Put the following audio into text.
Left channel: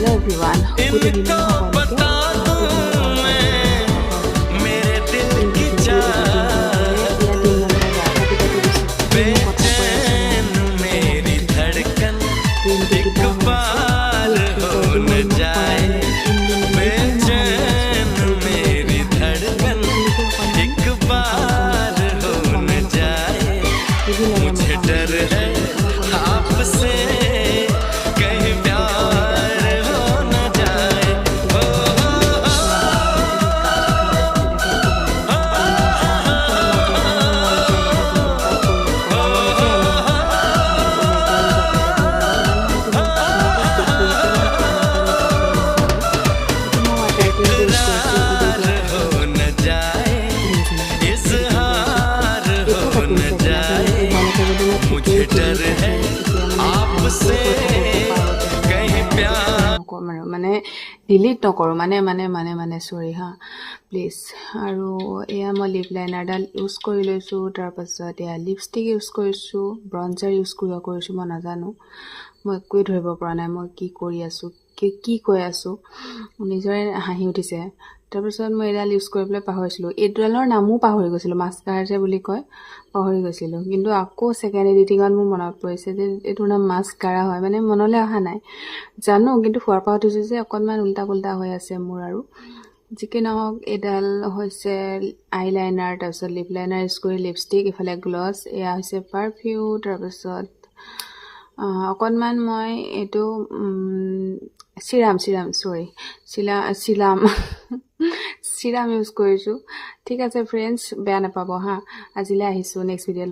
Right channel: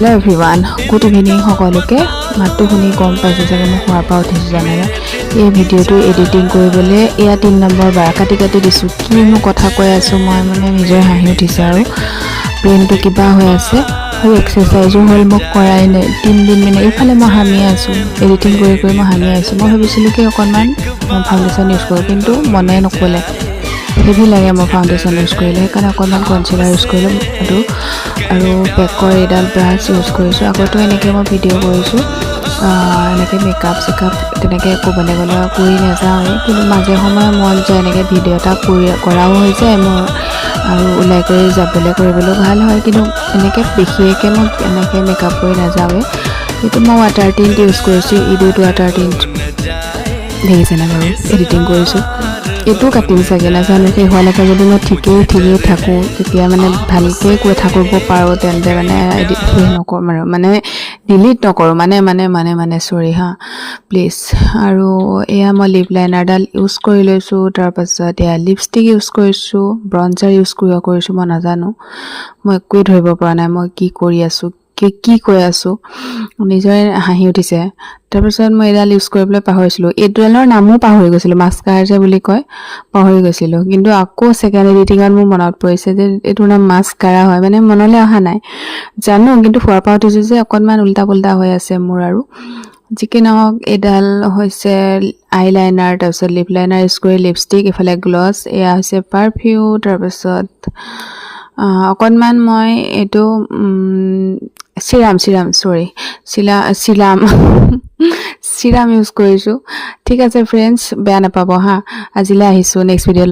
Hello everyone, good evening সকলোকে মাতটো শুনি গম পাইছে যে মই খোৱাৰ পৰা উঠিছোঁ জানে এই ভিডিঅ'টো এডিটিং কৰিবলৈ এয়া 3 নম্বৰ বাৰ কাটি দিছোঁ কিনো কথা কৈ আছোঁ মই মানে নিজৰ হাঁহি উঠিছে আৰু ব্ৰেইনটো কিবা হৈ আছে আৰু এক্সাৰচাইজো হ'ল মোক কৰাই নাই 3 দিন মানে এইফালে মই হামি আছোঁ এডিটিং কৰি মই হামি আছোঁ মই ভাবিছিলোঁ কি অকণমান ফাউণ্ডেশ্যন ইউজ কৰোঁ কিন্তু মনে নক'লে হেভি লাগে মই ফাউণ্ডেশ্যন ইউজ কৰিলে সেইকাৰণে অকণমান কনচিলাৰ ইউজ কৰিলোঁ আৰু বেকৰ এডাল ব্ৰাছ ইউজ কৰিছোঁ আগতো এনেকৈ মই ভিডিঅ' কৰিছোঁ এনেকৈ মেকআপ চেকআপ তেনেকৈ একো বেলেগ কৰি নাযাওঁ কিন্তু মাজে সময়ে মন যায় এনেকৈ ভিডিঅ' এটা কৰাও হৈ যায় মোৰ আৰু ওলাই কৰি যাবলৈ কৰিবলৈ ভাল হয় কিন্তু এনেকৈ দেখিয়েকৈ মই এনেকৈ মেকআপ কৰি নাযাওঁৱেই কিন্তু মই ৱাটাৰ টিণ্ট ইউজ কৰিছোঁ ইডুত ৱাটাৰ টিণ্ট দেখিছেনে বাৰু এডিটিং কৰিছোঁ এইটো কাটিম চাগে নাজানো কি হোৱালৈকে যদি মই ঠিকেই থাকোঁ তেতিয়া মানে ভালকৈ কৈ থাকিব পাৰোঁ তেন্তে মানে নকৰোঁ আৰু মানে ডিলিট নকৰোঁ মানে চৰি হা প্লিজ আৰু এয়া মই লিপ লাইনাৰডাল ইউজ কৰি লৈছোঁ তাৰপাছত এয়া লিপষ্টিক ইউজ কৰিছোঁ ব্ৰঞ্জাৰ ইউজ কৰিছোঁ মই নাজানো মই একোৱেই ধৰিব পৰা নাই মই কি কৰি আছোঁ কি কৈ আছোঁ নিজৰে হাঁহি উঠিছে তাৰপিছত মই এডাল ইউজ কৰিবলৈ পাহৰিছিলোঁ এইডালৰ নামো পাহৰি গৈছিলোঁ মাস্কাৰা যে বুলি কয় পাহৰি গৈছিলোঁ কিন্তু আকৌ ছেকেণ্ড এডিটিঙত মোৰ মনত পৰিছে যে এইটোৰ নাম মাস্কাৰা হয় মানে মনলৈ অহা নাই জানো কিন্তু শুৱাৰ পৰা উঠিছোঁ যে অকণমান উল্টা পুল্টা হৈ আছে মোৰ আৰু যি কি নহওক এইডাল হৈছে আই লাইনাৰ তাৰপিছত লিপ লাইনাৰ ইউজ কৰি লিপষ্টিক ইফালে গ্লছ এয়া হৈছে পাৰফিউম তাৰপিছত অকণমান মই এইটো চিৰাম ইউজ কৰিছোঁ ঠিক আছে ফ্ৰেণ্ডছ বেয়া নাপাব হা আজিলৈ আহিছোঁ নেক্সট ভিডিঅ'